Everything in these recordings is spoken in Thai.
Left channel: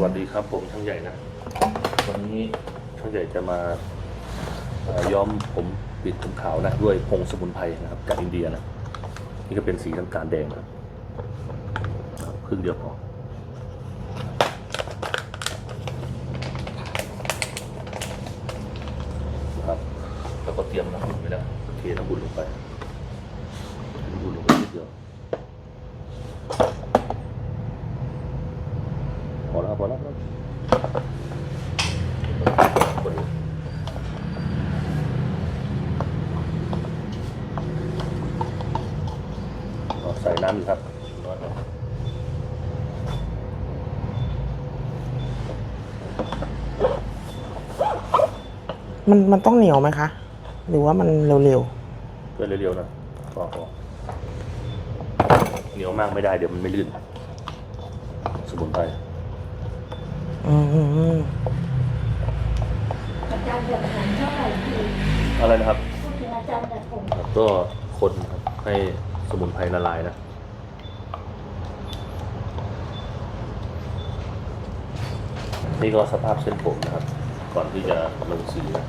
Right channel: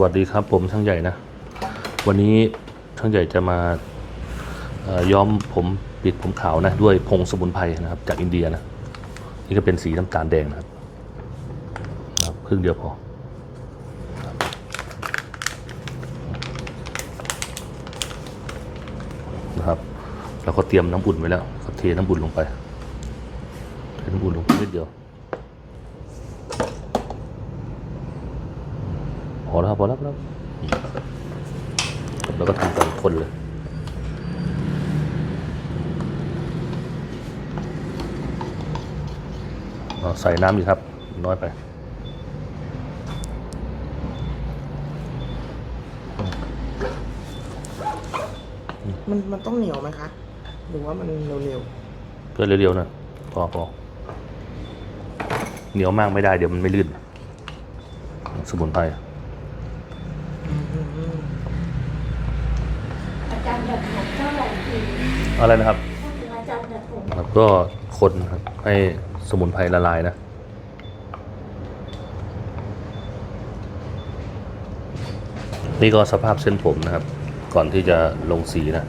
วัสดีครับผมช่างใหญ่นะ วันนี้ช่างใหญ่จะมาย้อมผมปิดผมขาวนะด้วยผงสมุนไพรนะครับ จากอินเดียนะนี่ก็เป็นสีน้ำตาลแดงนะครับครึ่งเดียวพอนะครับแล้วก็เตรียมน้ำอุ่นไว้แล้วก็เทน้ำอุ่นลงไปเทน้ำอุ่นลงไปนิดเดียว พอแล้วพอแล้วพอแล้วแล้วก็ทำเป็นคนเลยเอาใส่ น้ำดีครับน้อยไปมันมันต้องเหนียวไหมคะ หรือว่ามันเร็วก็เร็วๆนะพอพอเหนียวมากไม่ได้เดี๋ยวมันไม่ลื่น สมุนไพรอะๆอืมอืมอืมอาจารย์ดัดผมเท่าไหร่ดีอะไรนะครับพูดถึงอาจารย์ดัดผมครับก็คนครับให้สมุนไพรละลายนะ นี่ก็สภาพเส้นผมนะครับ ก่อนที่จะลงสีนะ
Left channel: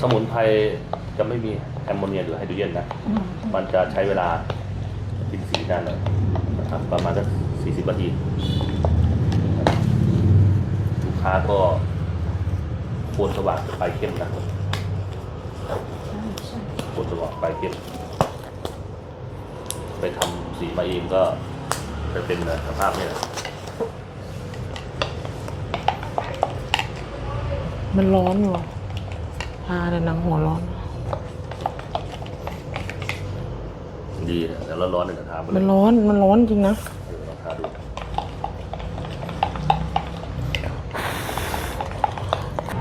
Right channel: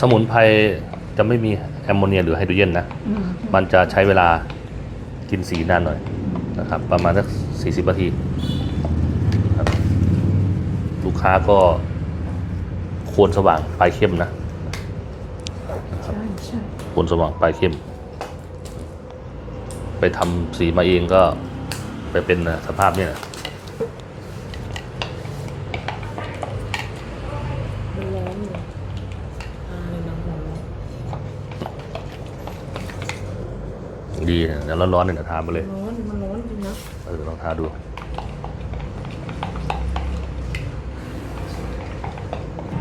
สมุนไพรจะไม่มีแอมโมเนียหรือไฮโดรเจนนะ มันจะใช้เวลากินสีนานหน่อยนะครับ ประมาณสักสี่สิบนาทีครับลูกค้าก็โคนสว่างปลายเข้มนะใช่ใช่โคนสว่างปลายเข้ม ไปทำสีมาเองก็ไปเป็นสภาพเนี้ย มันร้อนอยู่ทาแต่หนังหัวร้อน ดีนะแล้วร้อนๆเนี่ยเดี๋ยวทาไปเลมัยนร้อน มันร้อนจริงนะ เออลองทาดู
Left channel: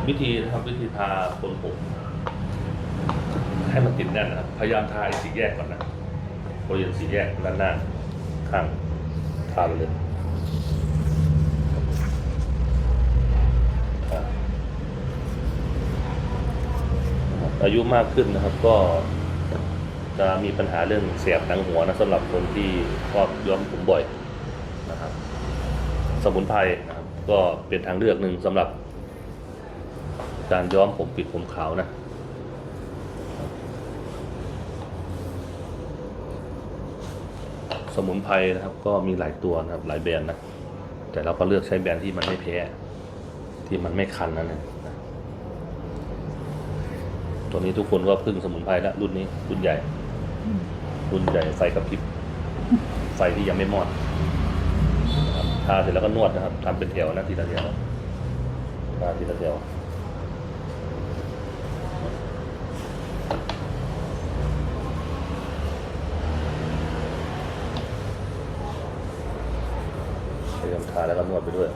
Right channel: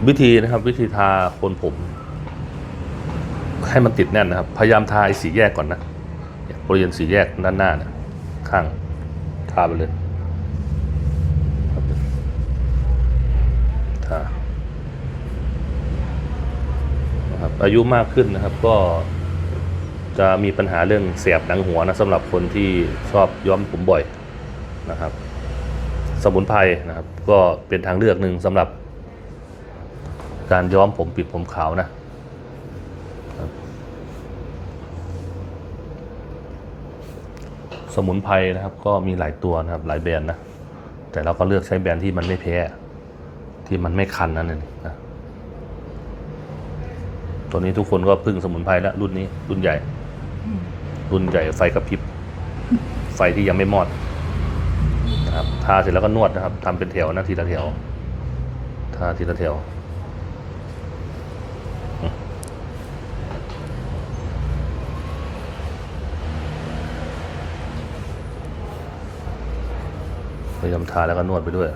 วิธีนะครับ วิธีทาโคนผม ให้มันติดแน่นนะครับ พยายามทาไอ้สีแยกก่อนนะบริเวณสีแยกด้านหน้านะข้างทาไปเลยทานะครับ อายุมากขึ้นนะครับ ก็จะมีปัญหาเรื่องเสียบหนังหัวนะสำหรับคนที่ชอบย้อมผมบ่อยนะครับ สมุนไพรนะครับ ก็เป็นทางเลือกหนึ่งสำหรับ การย้อมผมปิดผมขาวนะสมุนไพรนะครับ ก็มีหลายตัวนะครับหลายแบรนด์นะแต่เราก็เลือกใช้แบรนด์ที่มันไม่แพ้ที่มันไม่คันนั่นเองนะ ตัวนี้ทุกคนก็พึ่งสมุนไพรแล้วรุ่นนี้ รุ่นใหญ่ รุ่นใหญ่ไฟกระพริบ ไฟที่ยังไม่มอดนะครับทาเสร็จแล้วก็นวดนะครับทำเป็นแถวนะทีละแถวทาทีละแถวพยายามทาแล้วก็นวดไปด้วย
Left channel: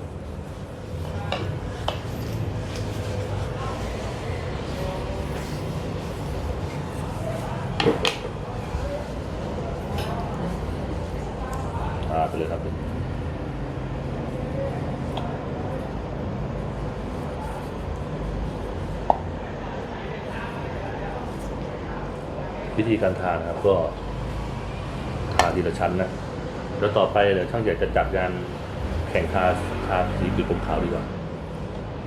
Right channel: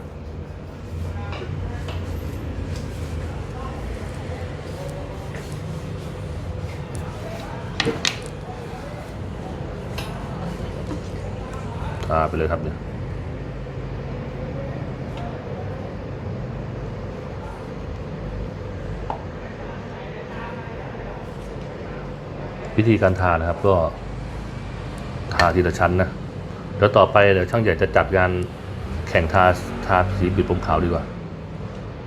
เลยครับเนี่ยวิธีการทานะครับ ก็ทาทีละชั้นนะแล้วต่อไปเดี๋ยวช่างใหญ่จะจัดงานแข่งทาทาสีปิดผมขาวดีกว่า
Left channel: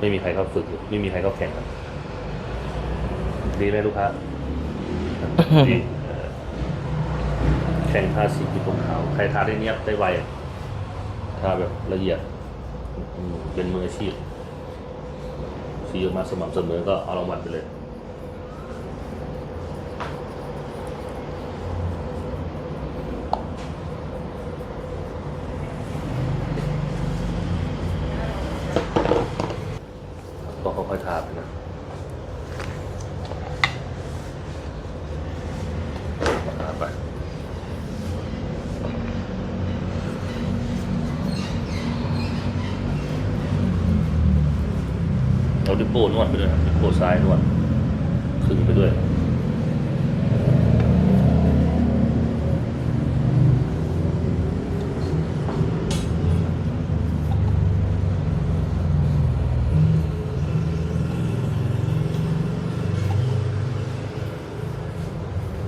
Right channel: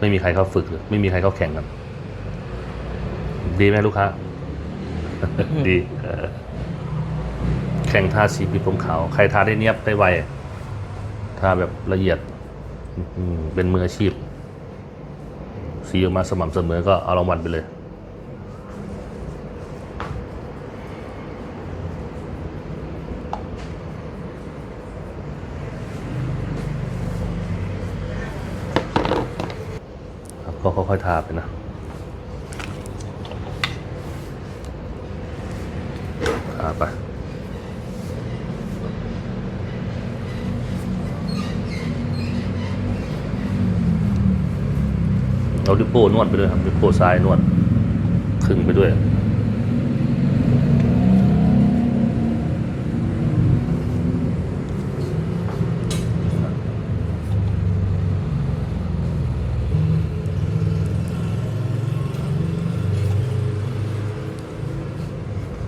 ไม่มีใครเขาฝึก ไม่มีใครเขาแข่งกันดีไหมลูกค้า ดี แข่งทาสีปิดผมขาวใครทาได้เนียบได้ไวทาแบบละเอียดเป็นมืออาชีพ สีออกมาสม่ำเสมอก็เอารางวัลไปเลย ก็ค่อยๆทาไปนะทาไป เราดิวโป้นวดไปด้วยครับดิวโป้ซ้ายนวดขึงไปด้วย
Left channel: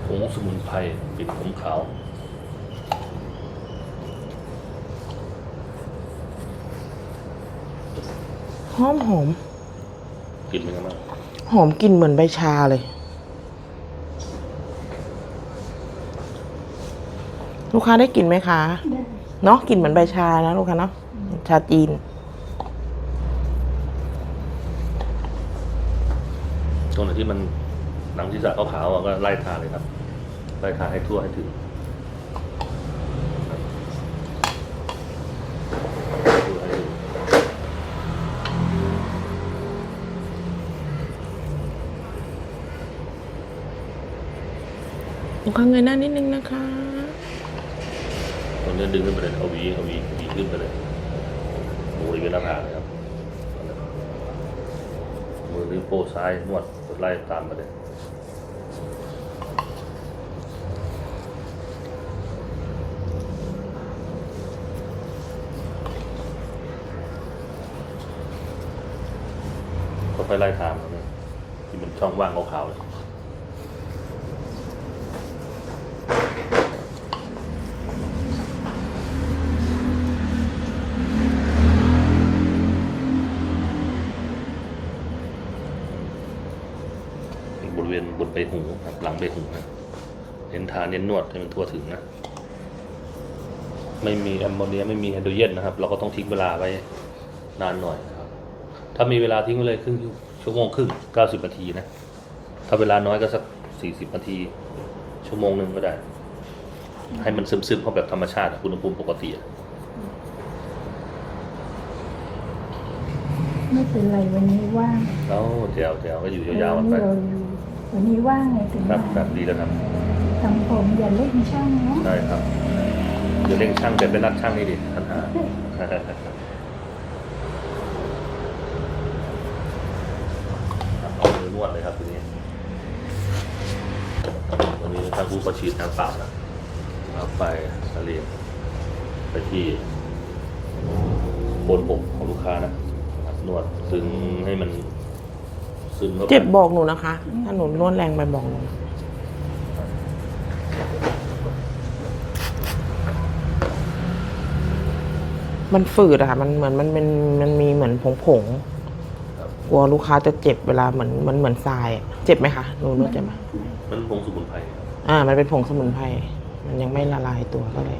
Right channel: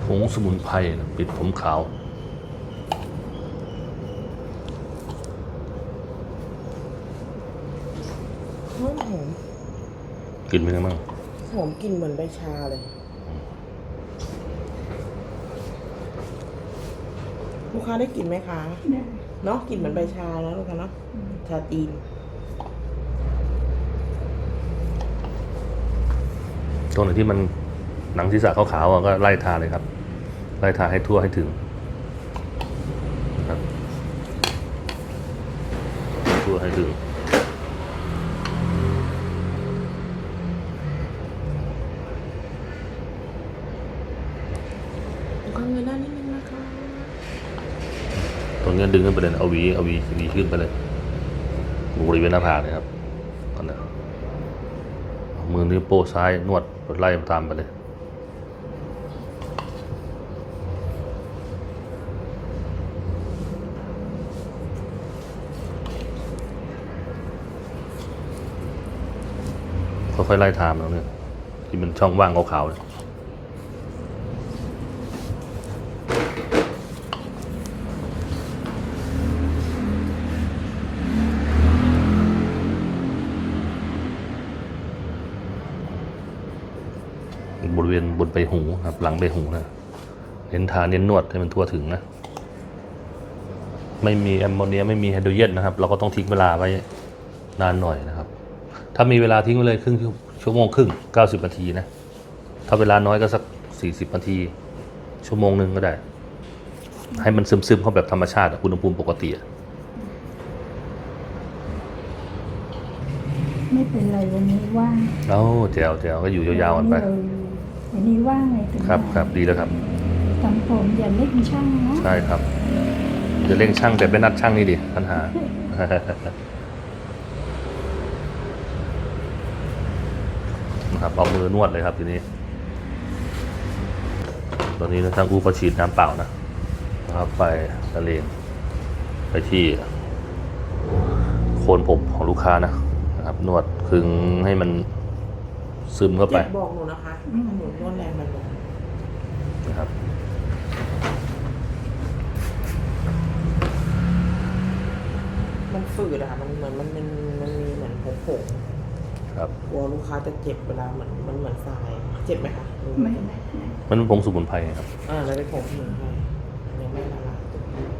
ผงสมุนไพรปิดผมขาวหอมหอม กลินเป็นยังไงบ้างหอมกลิ่นเหมือนใบชาเลย ลูกค้าได้กลิ่นไหมคะได้เนาะกลิ่นเหมือนใบชานะลูกค้าเนาะชาจีนตรงไหนที่มันหนังศีรษะขาวๆอะก็ไล่ทาเลยครับ ไล่ทาให้ทั่วให้ถึง ตรงนี้ดึงขึ้นไปเลยเอาหวีเอาหวีหวีขึ้นไปเลยบริเวณหน้าผากเลยครับอันนั้นมือนิ้วโป้ซ้ายนวดไล่ตามไปเลยค่อยๆไล่ทามแล้วเนี่ยที่มันช่องว่างขาวๆ ครับ หลังใบหูนะเน้นทาเน้นนวดให้มันทั่วถึงนะ ไม่มีแอมโมเนียไม่มีไฮโดรเจนนะครับ เราก็ต้องทิ้งเวลาไว้นานหน่อยนะครับ ถ้ามีเวลาทิ้งไว้เลยครึ่งชั่วโมงครึ่งเก้าสิบนาทีนะ ถ้าเวลาน้อยก็สักสี่สิบนาที ชั่วโมงหนึ่งก็ได้ ให้มันซึมๆเข้าแบบธรรมชาติอะอุณหภูมิปกติอะไม่เป็นไรวันนี้ว่าง เอ้าแจวแจวก็อยู่ยาวๆกันไป วันนี้ว่างไงถึงครับมาครับดีแล้วครับทำผมอย่าเล่นช่างเนาะใช่ครับจะเร่งช่างแต่ไม่นัดช่างนี่ดิปัญหาครับเอามือนวดเลยครับทีนี้ตอนนี้ทางกูก็ฉีดน้ำเปล่านะครับไปทะเลงไปที่โคนผมของลูกค้านะนะครับนวดคึงให้มัน ซึมเข้าไปเจ็บบอกหนูนะคะถ้าหนูนวดแรงไปบอกหนูนะครับมันฝืดอะค่ะ มันเหมือนมันเป็นมันมีเหมือนผงผงครับๆกลัวลูกค้าจะเจ็บเวลาเหมือนมันเหมือนทราย เจ็บไหมคะหนูนวดเจ็บไหมมันเป็นผงสมุนไพรครับ อ่า มันเป็นผงสมุนไพรมันยังไม่ละลายตัวเลย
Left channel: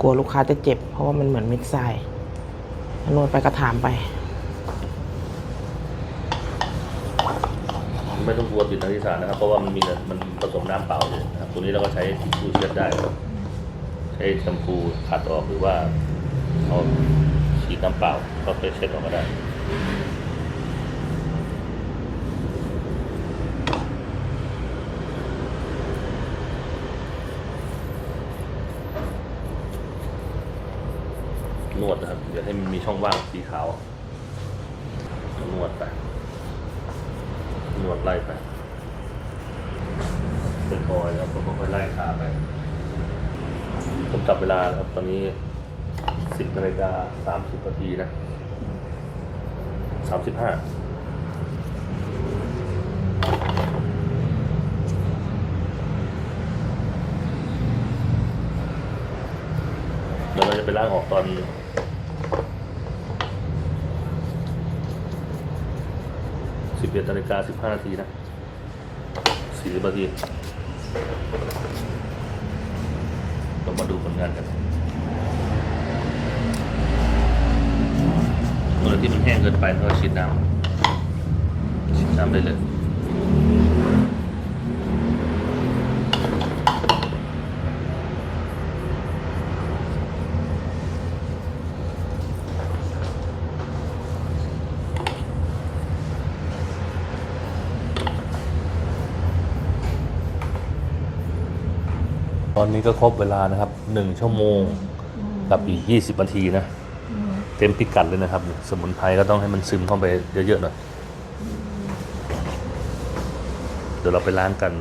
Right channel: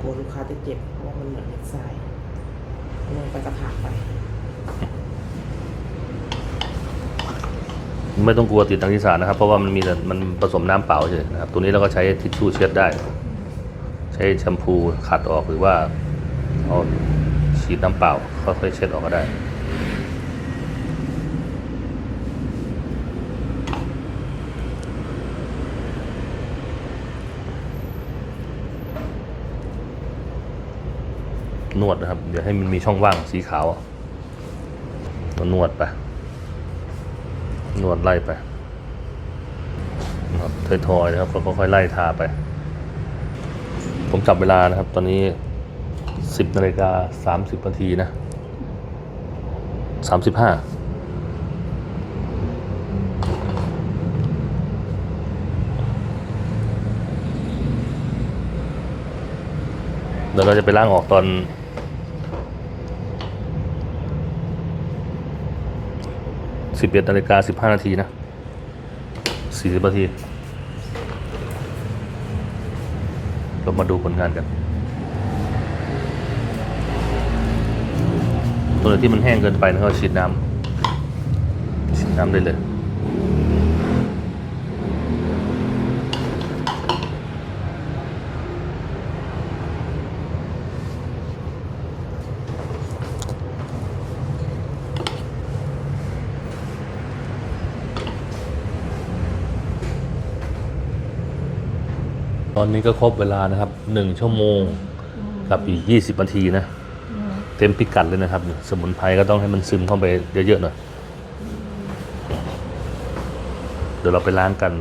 กลัวลูกค้าจะเจ็บ เพราะว่ามันเหมือนเม็ดทรายนวดไปกระถามไป ไม่ต้องกลัวติดทางที่สารนะครับ เพราะว่ามันมีแต่มันผสมน้ำเปล่าเฉยนะครับ ตัวนี้เราก็ใช้ทิชชู่เช็ดได้นะครับใช้แชมพูขัดออกหรือว่าเอาฉีดน้ำเปล่าก็ไปเช็ดออกก็ได้ นวดนะครับอย่าให้มันมีช่องว่างสีขาว ก็นวดไป นวดไล่ไปครับทอยๆนะครับแล้วก็ค่อยไล่ทาไป ผมจับเวลานะครับ ตอนนี้สิบนาฬิกาสามสิบนาทีนะสามสิบห้าเดี๋ยวเราจะไปล้างออกตอน สิบเอ็ดนาฬิกาสิบห้านาทีนะสี่สิบนาทีเรามาดูผลงานกันตัวไหนที่มันแห้งเกินไปเราก็ฉีดน้ำฉีดน้ำได้เลย อนนี้ก็ครบเวลานะครับหนึ่งชั่วโมงกับอีกยี่สิบนาทีนะ เต็มพิกัดเลยนะครับ สมุนไพรก็ต้องให้มันซึมเข้าไปเยอะๆหน่อย เดี๋ยวเราไปล้างกัน